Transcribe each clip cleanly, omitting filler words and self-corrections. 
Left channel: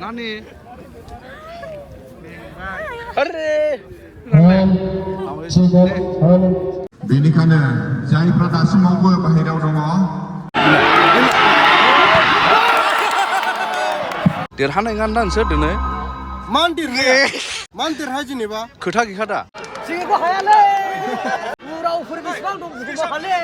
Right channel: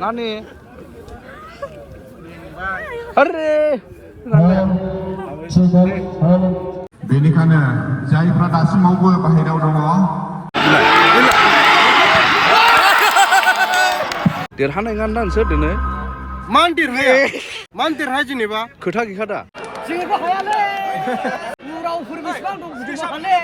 नानी अरे बेनिखायनो जायफ्रा दासिमावबो बाहेरायाव दङ देरहानाय नङा नोंसोर दिनै मान देरहाया जेनेबा खोथा गैखादा जेबो हायालै उरावफोर बेसेबां दं जेबो हाले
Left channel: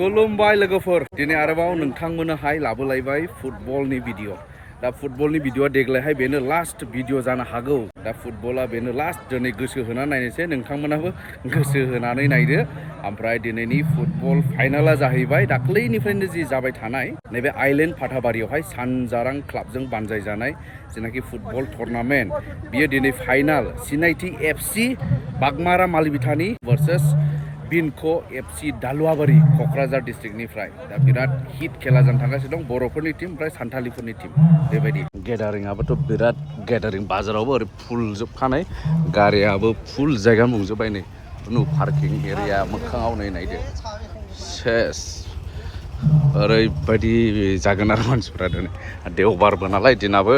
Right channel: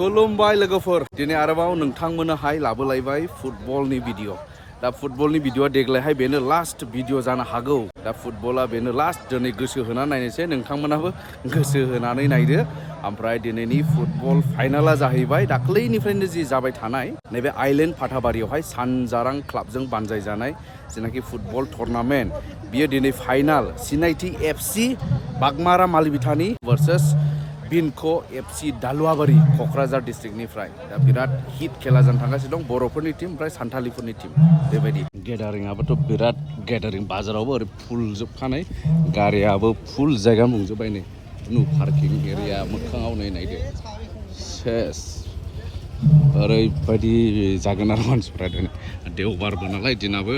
खुलुमबाय लोगोफोर दिनै आरोबाव नोंथांमोननोहाय लाबोलायबाय फुटबलनि भिडिअ दा फुटबलनि भिडिअआ देग्लायहाय बेनो लास्ट भिडिअ जानो हागौ दा फुटबला बेनो लास्ट दिनै गोसो होनानै नायनोसै नोंथांमोनाबो गोसो होनानै नायदो ओमफ्राय दिनैनि फुटबल फाइनाला जाहैबाय दाख्लैनिफ्रायनो जि जाबाय थानाय नैबे आइलेण्ड फाथाबारियावहाय सानजारां क्लाबजों बानजायजानाय जेनाखि फुटबल टुर्नामेन्ट बियो दिनै फाइनाल सिनायथि एफसि बागमारा मालिबिथानि भार्सेस बिनख एफसि दालुवाबारि क'क्राझार डिस्ट्रिक्टनिफ्राय दा बिराद हिट खेला जानो थांगासिनो दं बर'फोरनि टीम ओमफ्राय सान्थालिफोरनि टीम बेबायदि गेदारिंआबोथ' बिराद गेदारिं बाजारावबो ओरै फुल जोबखानाय गारियाबो फुल जायगा बुंजोब्बाय नै नु पार्किं एरिया मोखाङाव नायदो सेस ओरैबायदि जागोन आरो मानसिफ्रा दिनै देवबारबो नालाय दिनाबो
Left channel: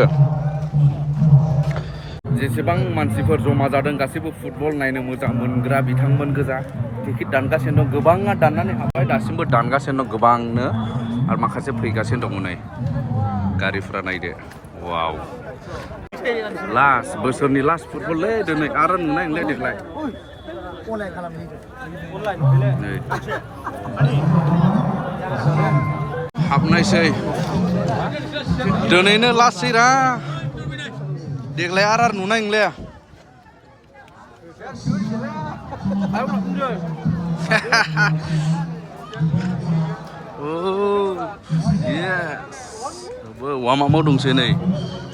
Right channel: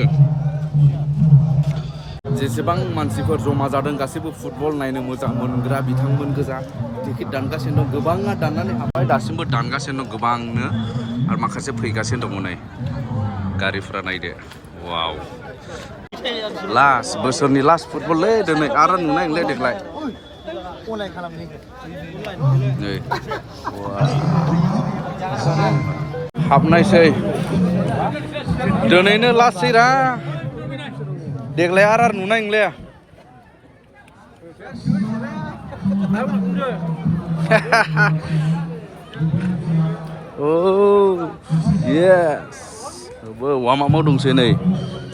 जेसेबां मानसिफोर जमा जादों गासैबो फुटबल नायनो मोजां मोनग्रा बिथांमोन गोजा टिकेट दानगासिनो दं गोबाङा दाननानै हाबबाय दासिमबो दानगासिनो दं गोबांनो आरो माखासे फैगासिनो दङ नै गारिफोरा नायदो वाव लास्ट बोसोरनि लास्ट फुटबललै दिनै आरो नुनाय नंला देग्लाय हाबनायसै दिनैनो लास्टसै रा देग्लाय आरो नुनाय नंला येस वार्मआपआव दंसै नै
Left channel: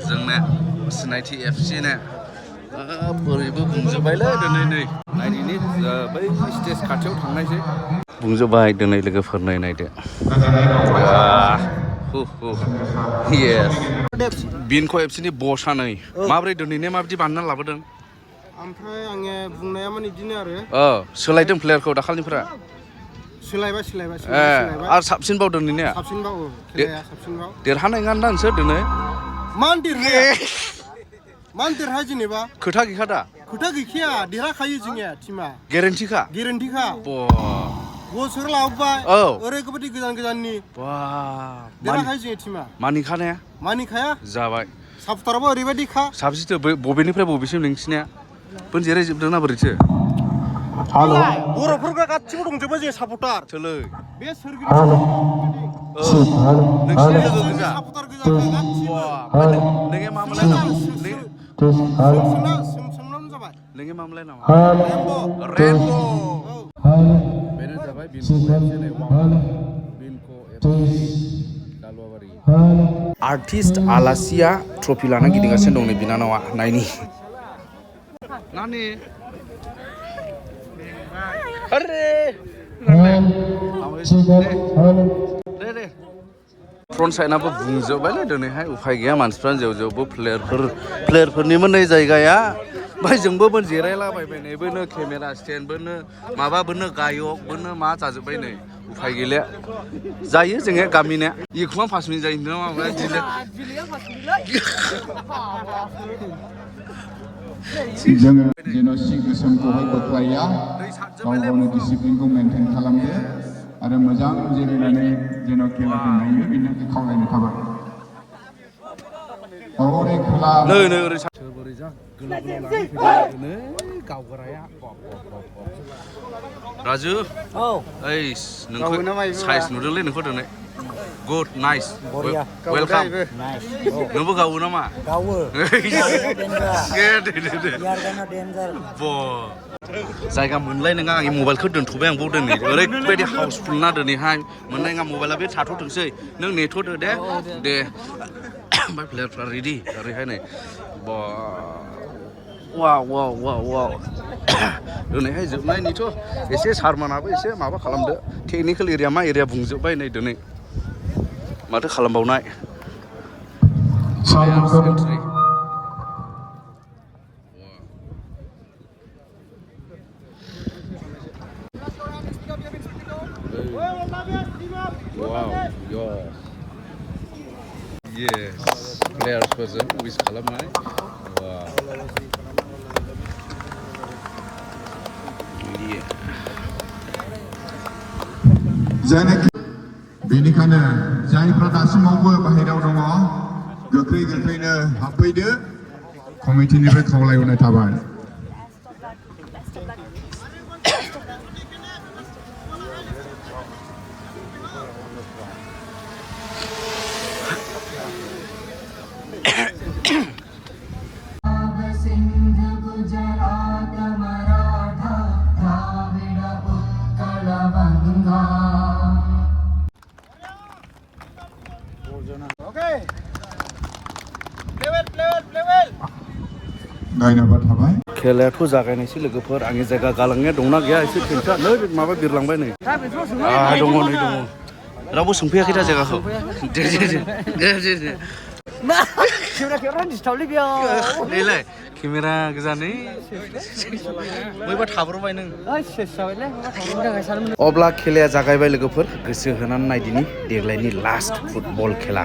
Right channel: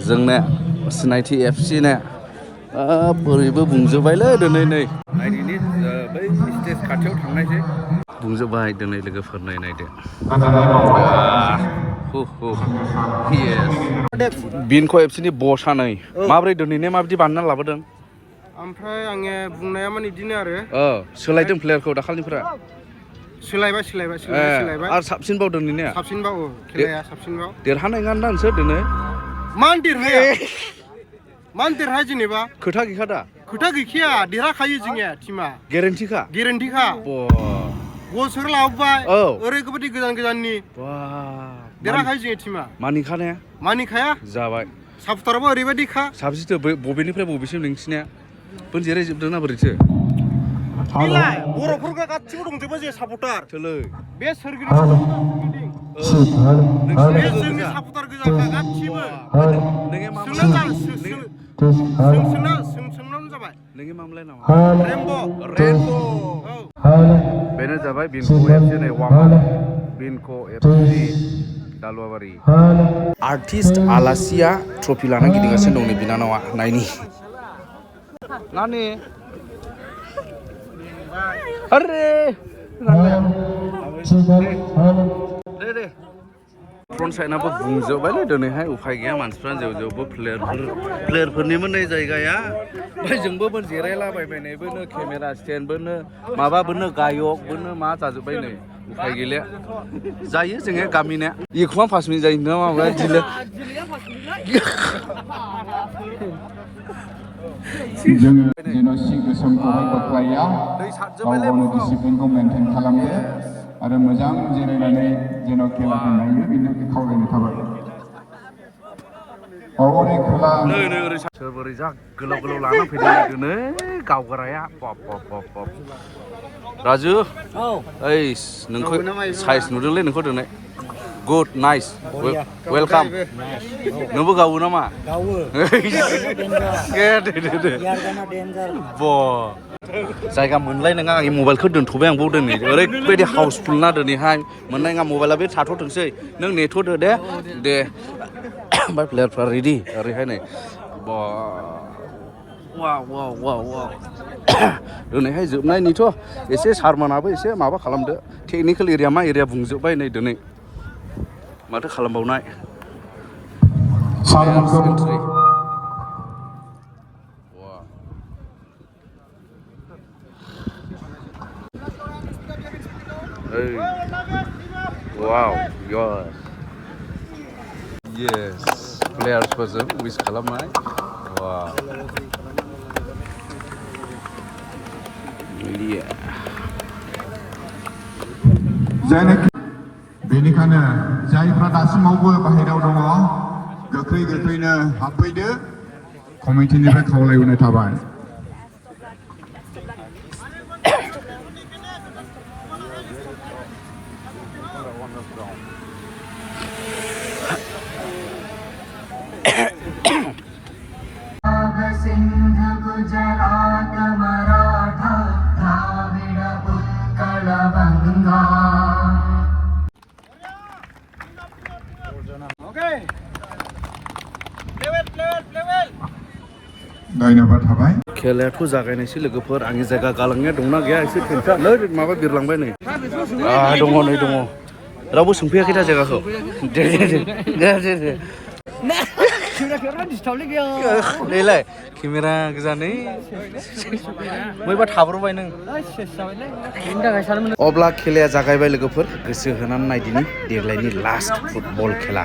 जोंना सिनायथि एफसि ना बोरैबो बुंजोब्बायलै दिनै नै नायदिनि बै स्टेज खाथियाव थांनायसै बुंजोब्बाय दिनै लोगोफोर नायदो येस बिनख एफसिनि बसआ नै माब्रै दिनैनो माबायदि बानायना लाबोदों ओमफ्राय आङो बुंनाया माने बिदिनो आरो सोलायदों प्लेयारखौ दाखालिनिफ्रा सोलायबाय आरो साबसिनबाव दिनैनिया साबसिनबाव खेलाया साबसिनबाव देरहानाय नङा नोंसोर दिनै मान देरहाया जेनेबा खोथा गैखादा खोथा गैखाया देरहाखायो जोंनिया टीमा गेरेन्टिखा गल सोर लाबोबाय ओरैबायदि गोजाननि देरहाखायो जोंनि टीमा मानिखाया जाबाय सापर्टाराबो ओरैबायदिखा साबसिनथो बबेनिफ्राय बबेसिम नोंसिनिया बोन जिरायजोबदोंना बोरैथो बर'फोरखौ गासिबो दंजोबो जों सापर्टार सोलै बे सोरगिदिं नोंसिनि लोगो गोजा सापर्टार गोजा गासिबो नोंगे मामोन सोंनानै जाबाय नोंगे मामोनलाय नामा रेनब' बेनो जाबाय बिनख एफसि नै बिनख एफसि दालुवाबारि आर्टिस्ट आलासिया ट्रफि लाना गिदिंगासिनो दं नै बिनानावा नायनि नानि अरे दे फ्रन्ट साइडनाबो बुंजोब्बायलै दिनैहाय उफाय गैया मानसिफ्रा जेवबो प्लेयारफोरनिमोन नै जायगाया ओमफ्राय जोंबो जिरायलाबायबाय नै बोनो केमेरा स्टेन्डबोनो माबाबोनो गायकबोनो मा जाजोब्बाय नै उफाय गैला जायो जोङो गामिना एखमबा 5 मिनिट जायो ना माबा दिले जोङो जेन'सि गोसोमखौहाय बोख्लाया गावनि डिसिप्लिनखौ मेनटेन खालामो आरो मोजां जिरायनानै जेन' खेलाखौ नायनो बेनि थाखाय खावलायनो थाबाय ओरै जा गोलाव लाना फैदों दिनै गावगाराया राजु ओइ नोंखौ साइज नुदोंलै नोंखौ दिनै गुड नाइस वेलकाम नोंबो गावो नामा गावो जायगा मोनलाय नङा आंनि मबाइलखौ दोनथ'बाय आंबो दिनै ओरैबायदि हाउसफुल ना दिनैहाय मोननाय नङा मबाइला बे थाथ'थोंसै नों नेथ'दो दे ओमफ्राय प्लेयारफ्रा रेडि ओरैहाय नै वाव दिनैहाय जोबनायनिथ' एसे सारमोनाबो एसे माबा खालामदो टेकनिकेल एरिया मा एरिया बुंजोब्बाय नै दिनै माथो खालामबावनाय एन्ट्रि वाव yes प्लेयार्सफोरजों उइस खालामनाय जायनाखि बेनिखायनो जायफ्रा दासिमावबो बाहेरायाव दङ गोख्रैनो हाबफैदो कमिटिनिफ्राय खावलायहरनाय थाबाय सिंध गुजरात मराठा द्राविड उत्कल बंगा धन्यबाद थाबाय खेलायाथ' जागायनायसै लोगोफोर आंनि जायगा गालांनाया दंना गैया एसे खोन्था नै माबा बिरलांबाय नै दङ नै दङ रावबो सोंफैयाखै दा जायगाखौ दे खेवरा डिस्टार्बलै गैया नैलाय केमेरा गोजानै बयबा थाब्रबाय नों सेस जाबायलै थांनो थाखाय सानोमोन अब्ला खेलाया जागायबाय लोगोफोर गोसो होनानै नायदिनि देग्लायनि लास्ट फुटबल खेला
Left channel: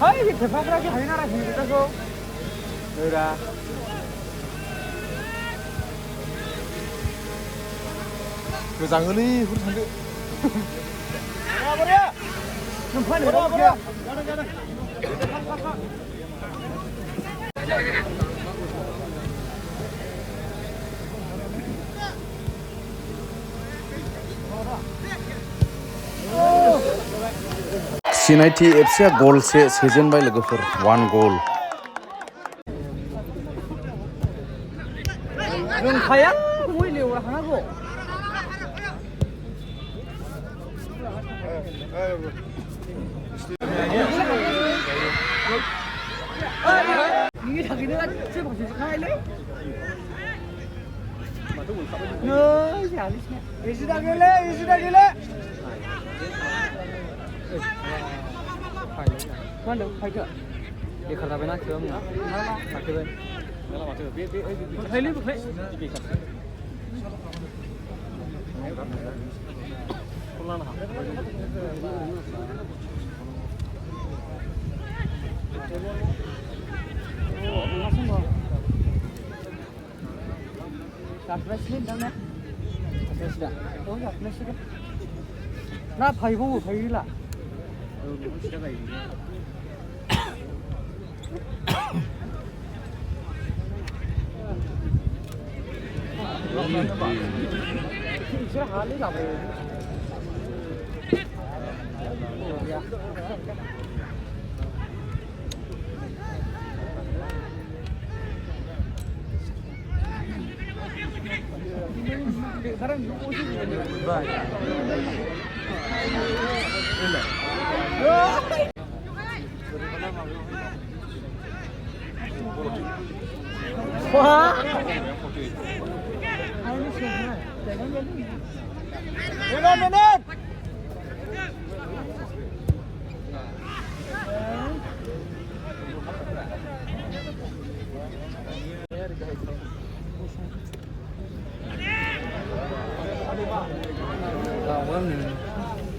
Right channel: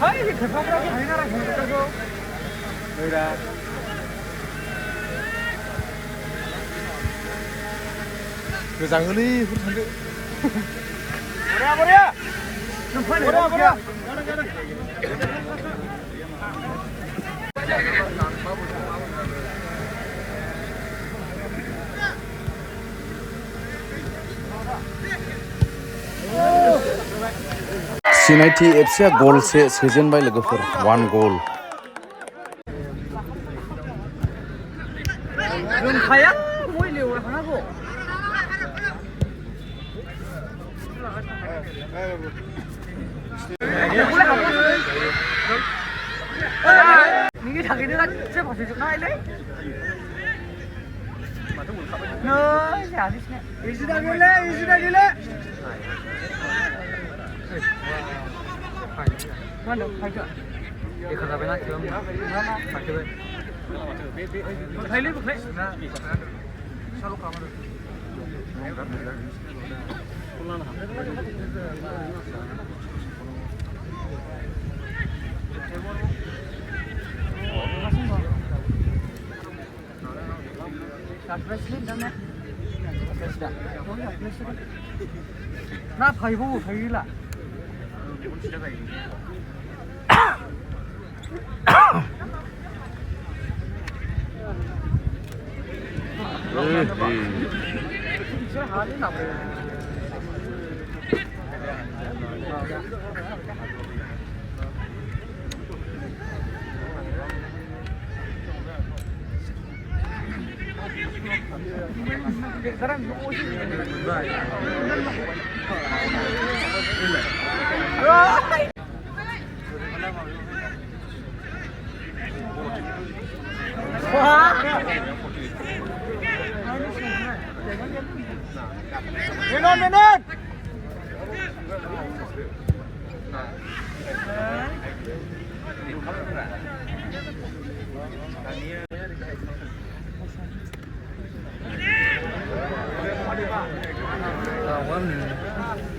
Hai, खेफाफ्रा के हायना राखै बेखौ नैरा मोजाङै हुर थांदो बरिया सिनायथि एफसिया गलसे सोजेनबाय लोगोफोर 1 गल रोंखाया बयलेव हानांगौ नि थाखायनो गासै फारसेजोबनायलै नै जालिसने इजिदा गेले Mana faida? Dia kalau benar tu, faida. Beli. Saru kamar. Pulang. Na phải vô thấy lại. Minute.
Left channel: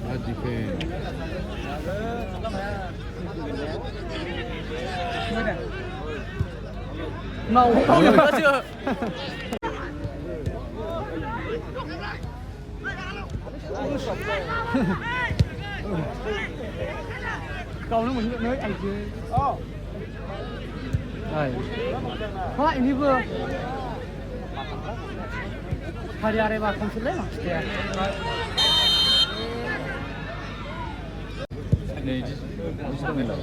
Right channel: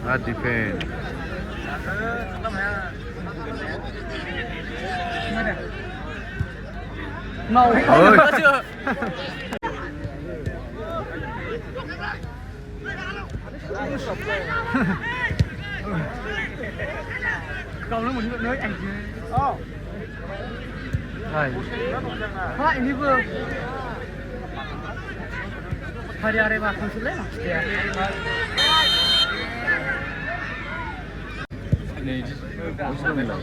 Bad defense. No. Câu nó mình nhớ ảnh chứ. Quá ini vừa. Hari hari bác không sulit. Này, sao này lại?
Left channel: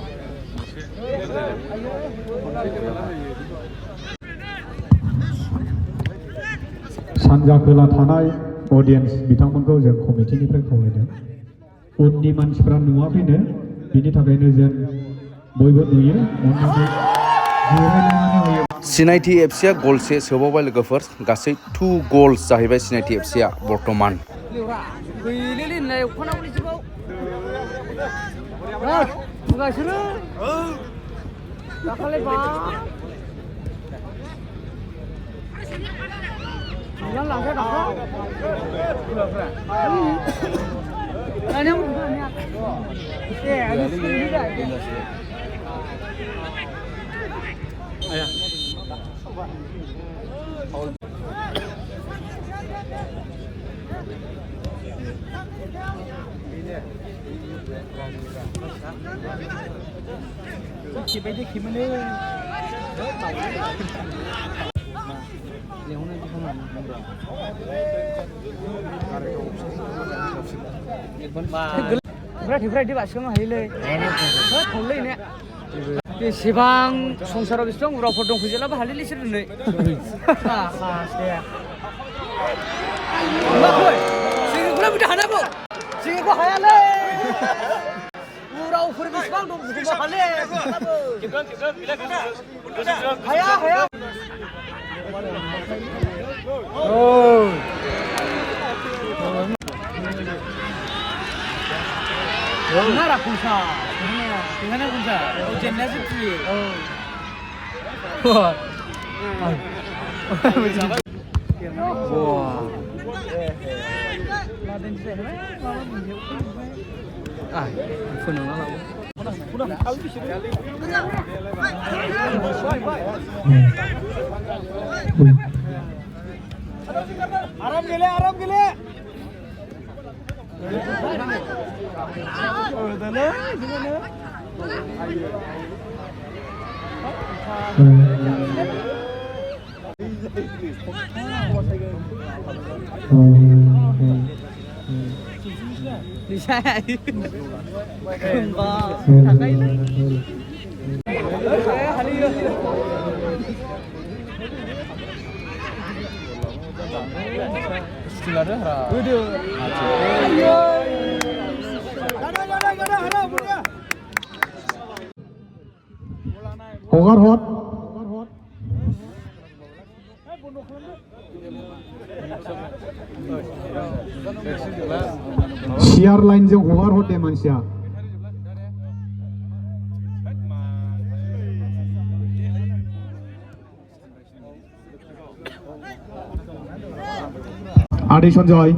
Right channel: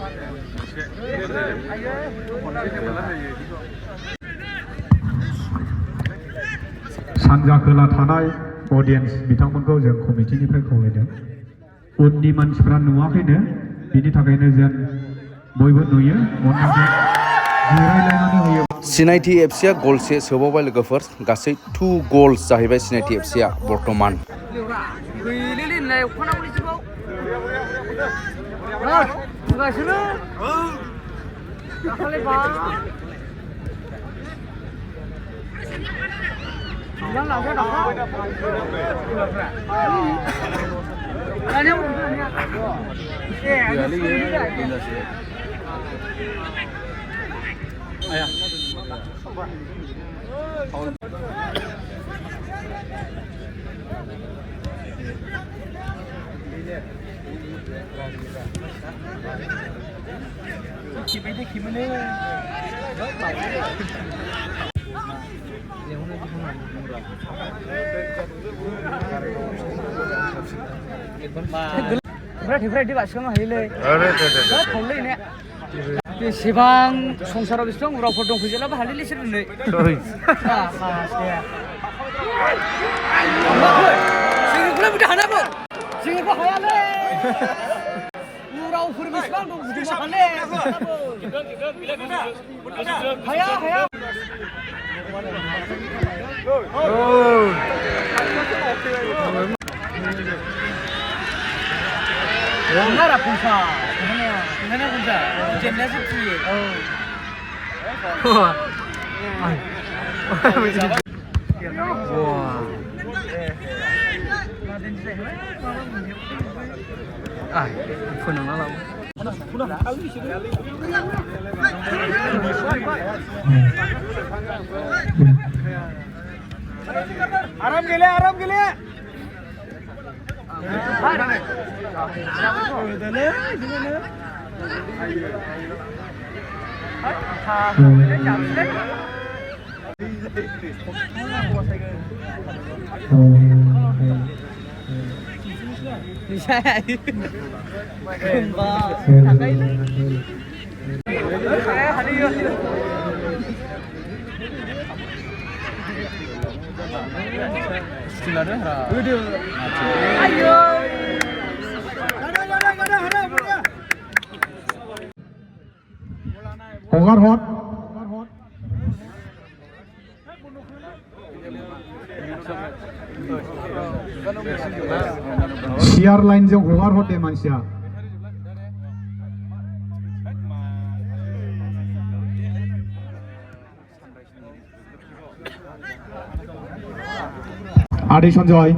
सानजा खोला थानाय audience बिथांमोनखौ जों कमिटिनिफ्राय खावलायदों उननि मानसिफ्रा नुवाखैनो बिनि थाखायनो जों बयबो नुयो अन्नानै जिरायलायनानै होयो सिनायथि एफसिया गलसे सोबावबाय लोगोफोर गासै 2 गल्स जाहैबाय सिनायथि एफसिया बर्तमान गैलेलै होनलाय अखानावनि जुगाव गासैबो दाखालि बा लांलांबाय दाखा Ayah. फ्राय बासिखांनो हायोलै थांलै ने बेसेबां संसाराव बेसेबां उरावफोर दं फैजेलाबो हालिलै इसोर दिनै जोंनिखौलाय बिदि हानाबो जोंनिखौ हायालै उरावफोर बेसेबां दं बुथुमनो हाले हाया Nara punca, sebenarnya punca, jenisnya seperti. Aram gile. हगार हर सियार लाइनजों हगार हर दे मानसिया आदै Sanjay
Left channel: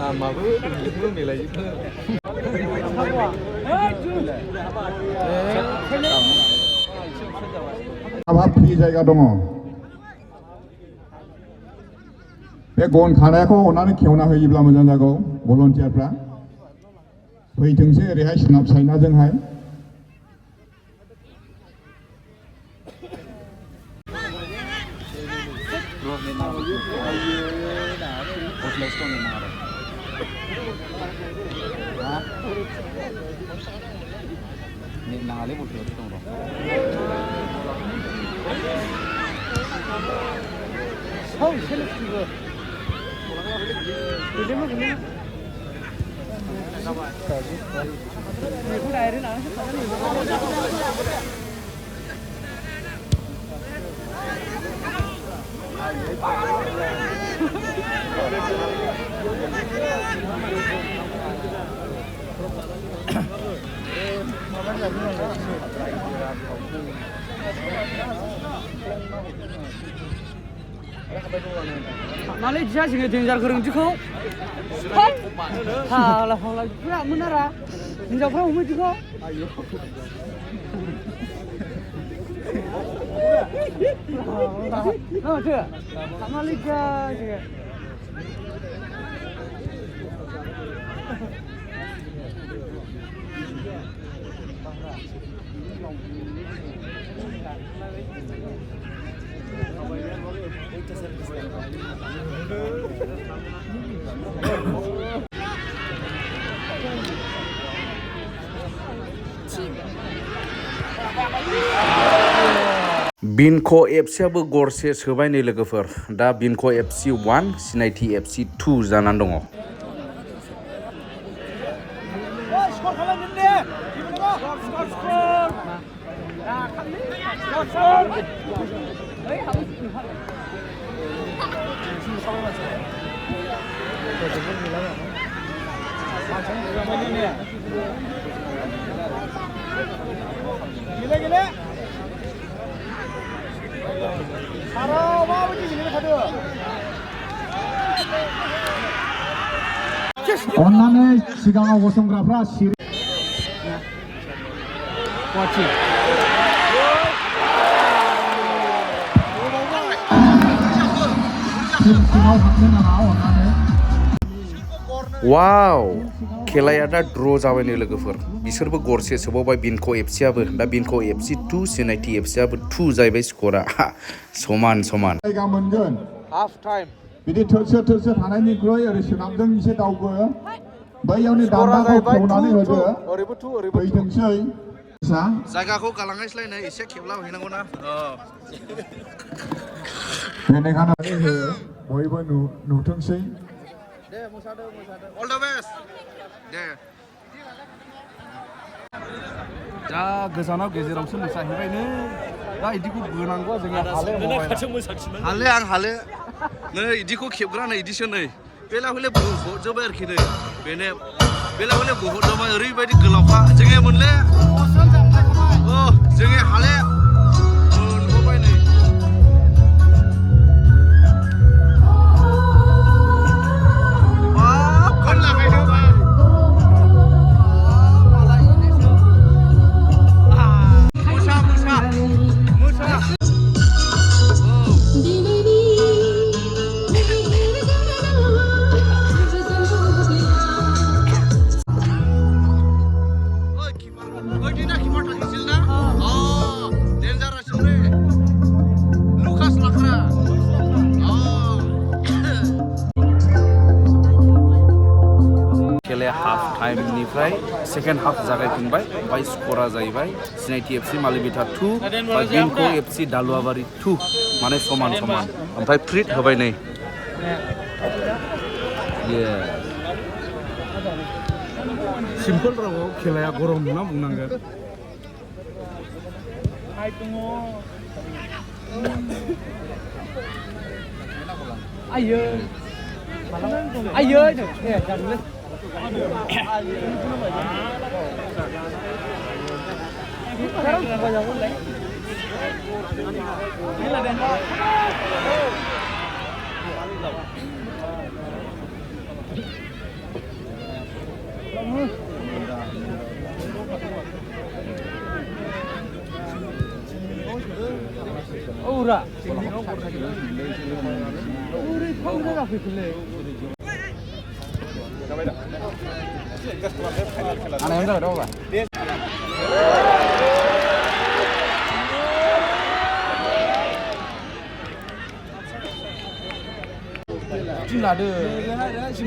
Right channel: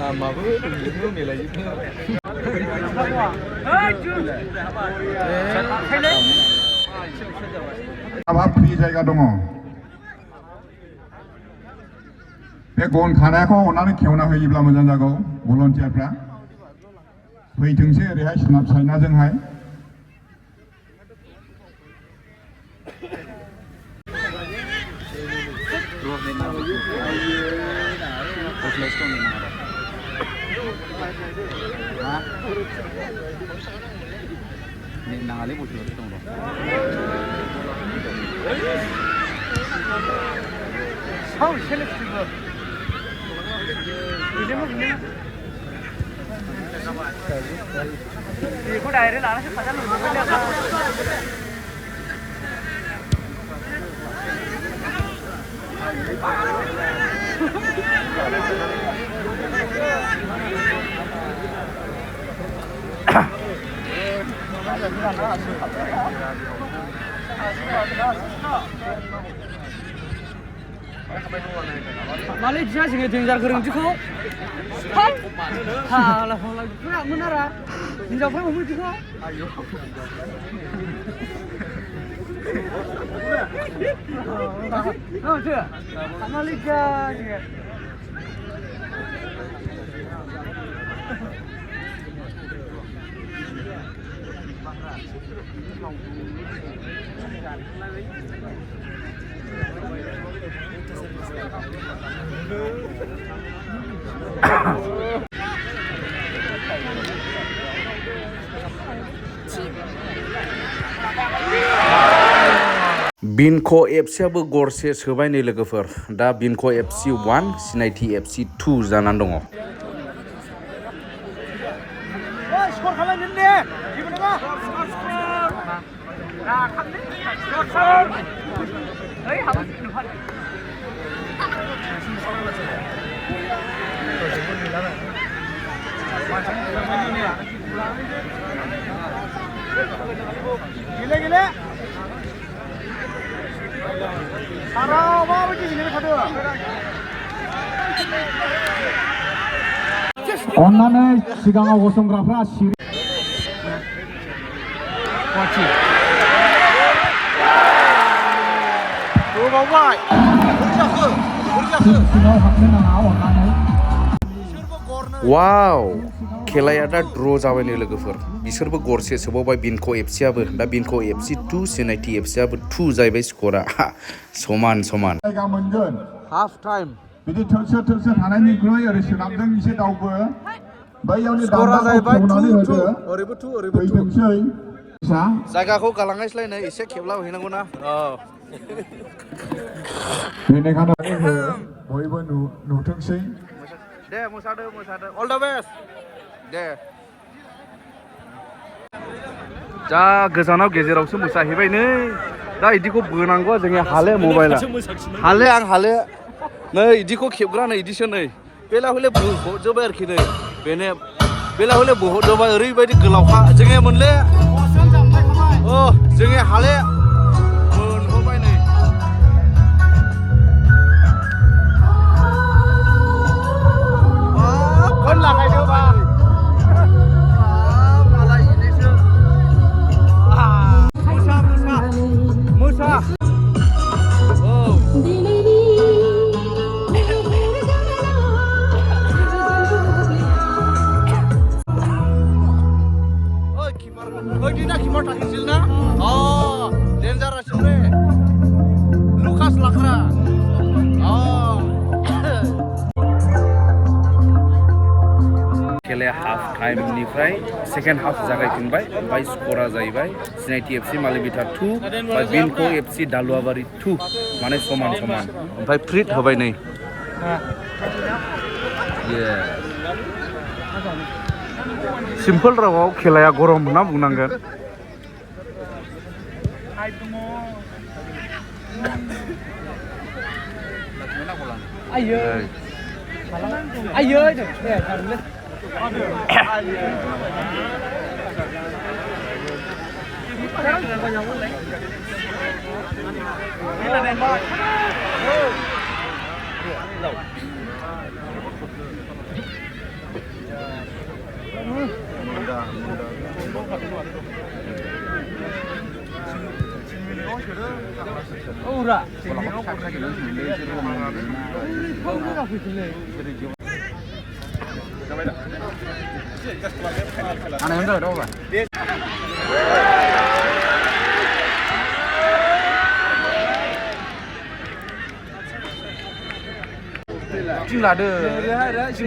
Namaku itu nilai itu. Apa free जायगा दङ बे गन खानायखौ अननानै खेवना होयोब्ला मोजां जागौ भलन्टियारफ्रा फैथोंसै ओरैहाय सोनाब साइनाजोंहाय Nali butuh itu dong. Malah dia sih ngejar keruncuku. Halah pura menara. Ngejar pura umur juga. Oh dia. Malah dia. बिनख' एफसियाबो गरसे सोबाय नै लोगोफोर दा बिनख' एफसि 1 सिनायथि एफसि 2 जानानै दङ अन्नानै सिगाङाव गसंग्राफ्रा सिरि सिङाव हाबनो नाङा अन्नानै वाव खेलाया दा ड्र जाबाय नै लोगोफोर बिसोरबो गरसे सोबावबाय बिनख' एफसिआबो दा बिनख' एफसि 2 सिनायथि एफसिआबो 2 जाहैबाय स्करा समान समान जायगा मोनगोन हाफ टाइम बिदि थोरसो थोरसो थानायनिख्रुइ ओरै सोनाबजों एसे दावबो बैयावनि दान्दाखौ खेवनानै होदो फैथोंसै जायगाखौ गालांनायस्लाय नै एसे खेबला हैनांगौ ना बेनिखायनो बयबो नुथोंसै दे मोसादो अल द बेस्ट दे दा गोजानाव गेजेरावसो मोसाहैबाय नै दा इदिखौ बोनांगौ जोंनि हाले मबाइला हाले आं हाले नै इदिखौ खेबग्रा नै इदिसो नै बेला हले बहरजोब्बाय आरोखि नै बेला हले बहरजोब्बाय ओरैबायदि गोलावखा जोंनि मोनले जोंनि हाले मोनहरबाय नै खेलाया हाफ टाइमनिफ्राय सेकेन्ड हाफ जागायफिनबाय ओमफ्राय स्करा जाहैबाय सिनायथि एफसि मालिबिथा 2 बा बिनख' एफसि दालुवाबारि 2 माने समान समान ओमफ्राय फ्रिट होबाय नै सिम्पोल रावाव खेलाया गरम होनना बुंनांगोन आयै आयै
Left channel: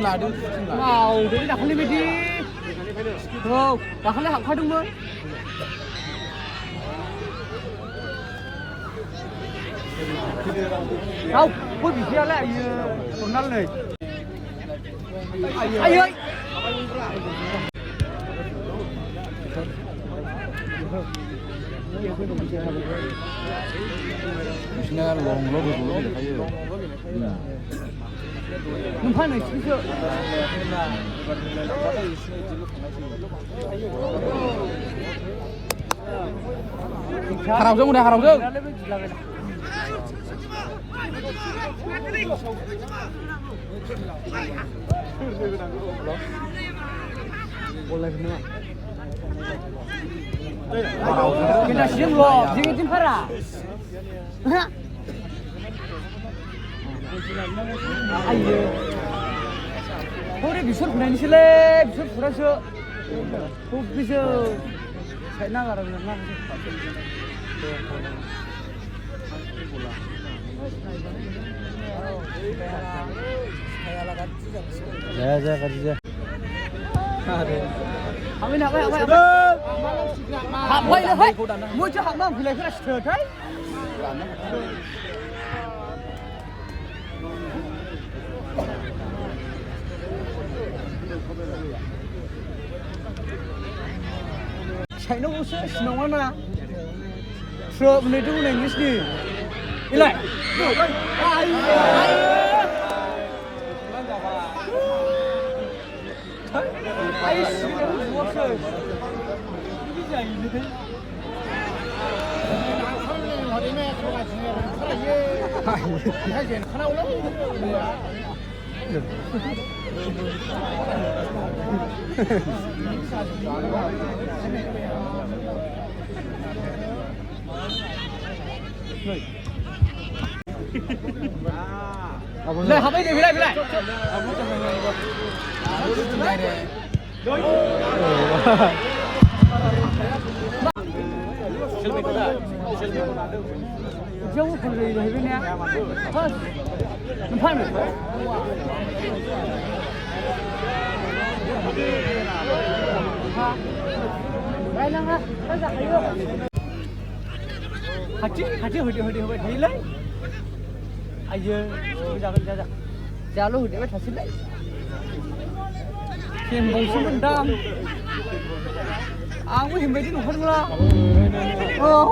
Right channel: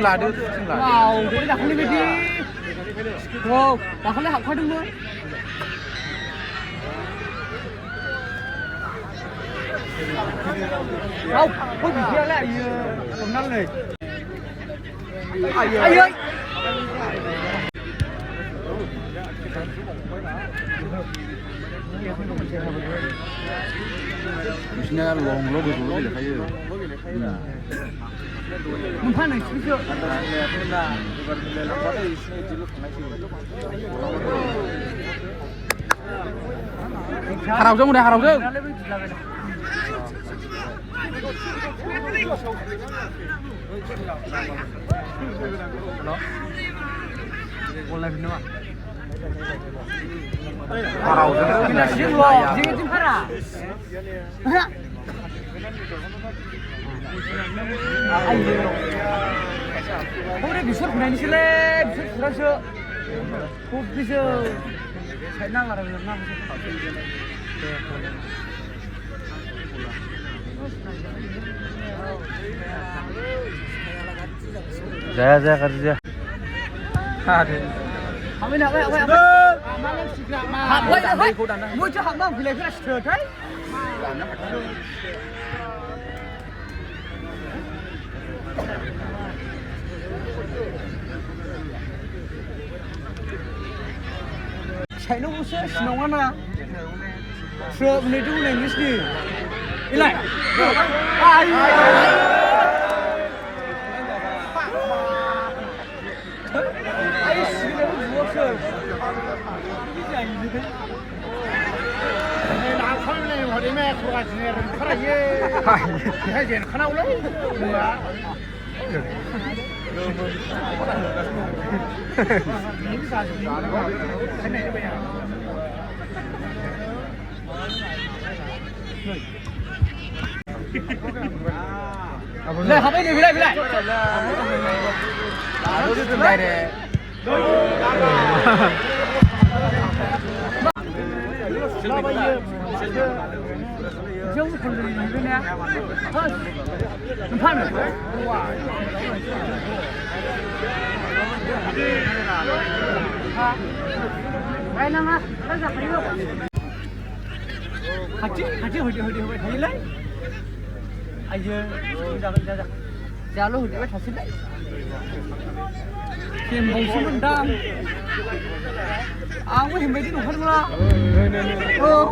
लादो दाखालि बायदि दाखालि हाबखादोंमोन बिदियालाय आयो हमनानै आयै बिसिना लं गोजौल' गेलेखायो मोनफा नोंसोरसो हारावजों उदे हारावजों 아유, 허리 미술 보내니실래? 미술 보라셔. 거기서 잘 나가라고 나. 자자 가자. Hãy subscribe cho kênh Ghiền Mì Gõ để không bỏ lỡ những video hấp dẫn. साइनावसो सिनावा ना फ्रो बुनायथ' बुनाय इंलिसनि इलाय आइ सिगाङाव बुवाखै बिदि जायो Này, học đi về đây, về đây. Hati hodi thailand. Ayo, jalan hodi thailand. Kim bongsu mendam. Aku himbai di nuhar mula. Oh.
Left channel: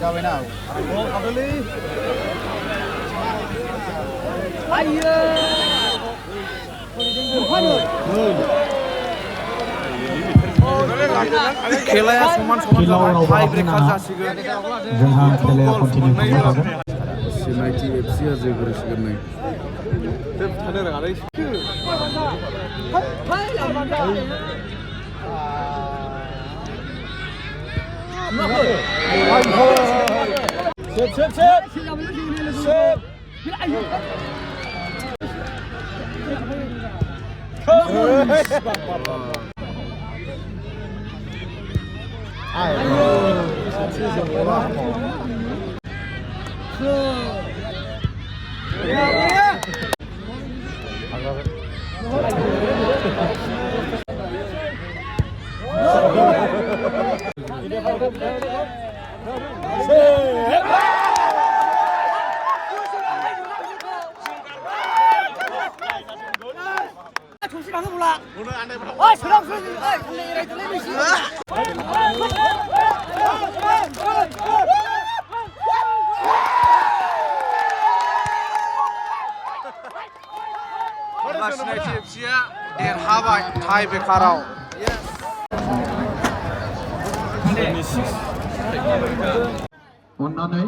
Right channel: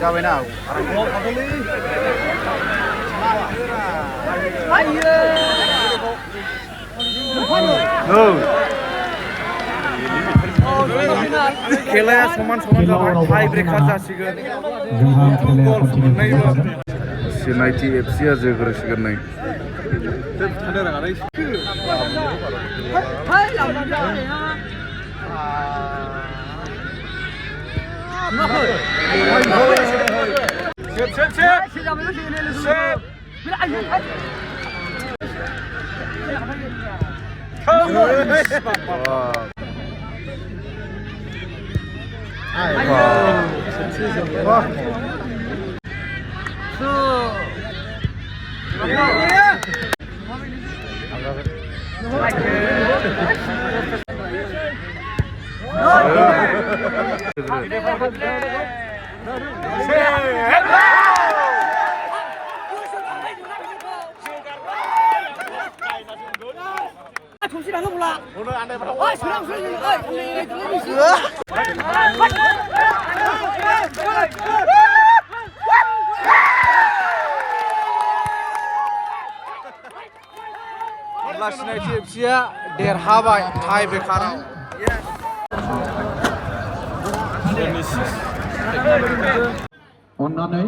Jauh nào? खेलाया समान जाबाय टाइ breaker जासिगोन जोंहा खेलाया मोननैबो सिनायथि एफसिआ जोग्रोसिगोन नै 정신하고 몰라. 어이, 저랑 소리 들려. 어이, 근데 이래 들리지. Siनायथि एफसिआ देरहाबाय टाइ ब्रेकाराव अन्नानै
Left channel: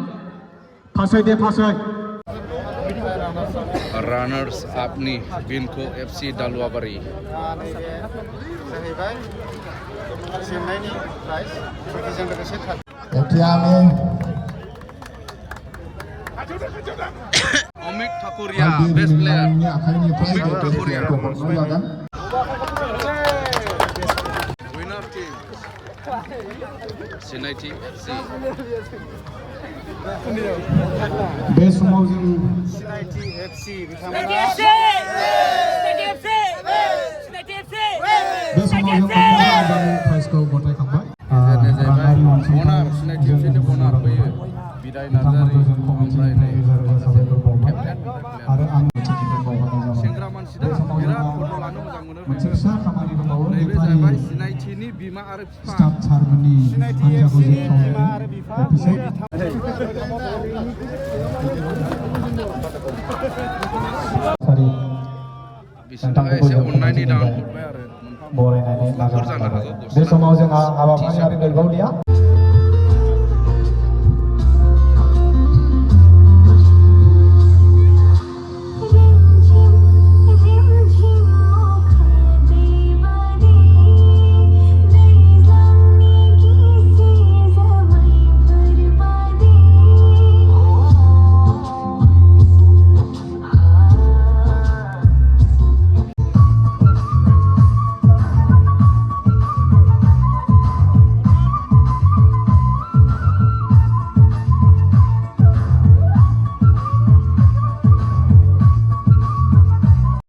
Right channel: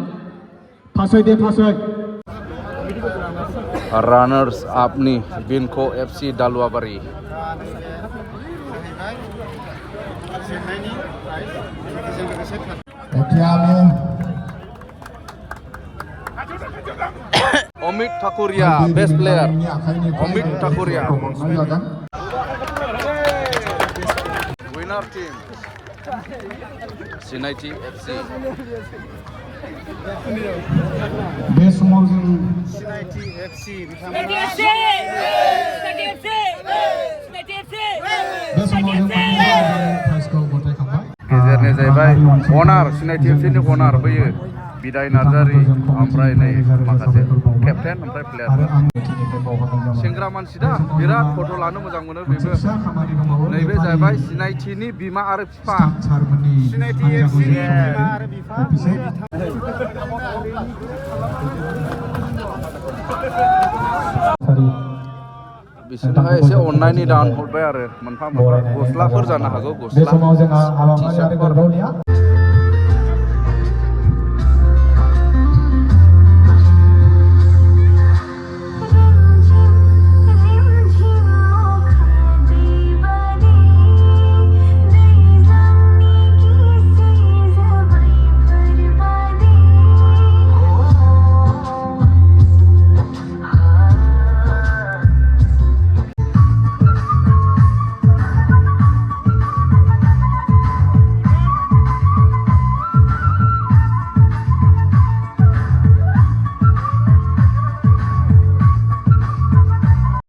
फासै दे फासै रानार्स आपनि बिनखो FC Daluabari Amit Thakuria best player Amit Thakuria winner team सिनायथि एफसि बे समाव जों गेजेरनि जाहैबाय अनार सिनायथि एफसिनि अनार बैयो बिदाय नार्जारि ओमफ्राय नै माखासे केप्टेन ओमफ्राय प्लेयार बेंग्रा मानसि दा बिराद फट' लानो मोजां मोनो बेबो फिसा खामानि दंबावो नैबे जाहैबाय सिनायथिनि बिमा आरो बिफा सारमोननि सिनायथि एफसिनि बिमा आरो बिफा बिसोरनोहाय एसे अननायनि दान हरबाय आरो मोनफा मोनफा गस्लाफोर जानो हागौ बे गस्ला समाव जोंहा हाबाफारि आरो टि-सार्टफोर गरबावलिया